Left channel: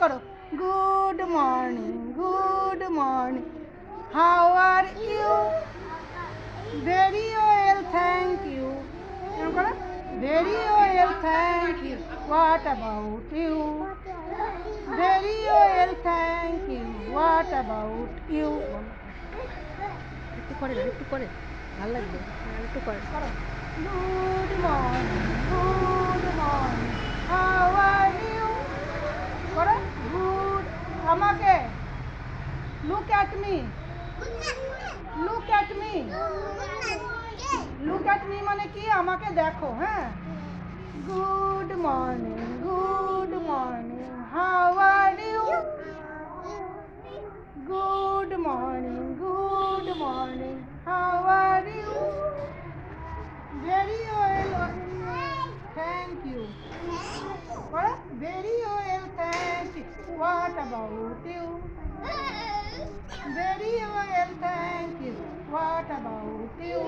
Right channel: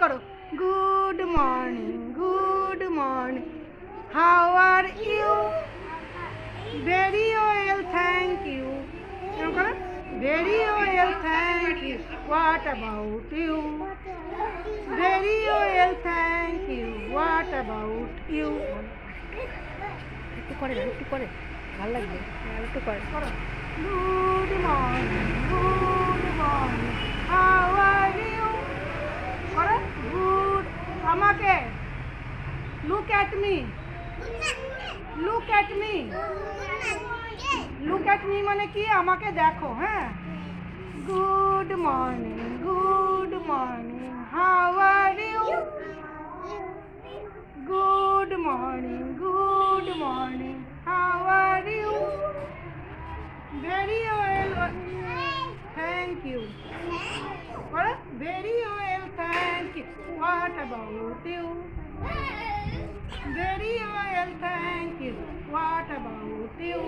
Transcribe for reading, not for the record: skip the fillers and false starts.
করো। Good morning, good morning, how are you? Very well, thank you. এরকম করো। Very well, thank you. What about you? Very well, thank you. What about you? একটু করে না, একটু করে ভালো লাগবে। আর একটু করে। Good morning, good morning, how are you? করে গুড। আমাকে look at me, look at me, look at me মানে কি? আমাকে দেখো। হ্যাঁ, good morning, good morning, how are you? Good morning, good morning, how are you? Very well, thank you. Very well, thank you. What about you? Very well, thank you. What about you?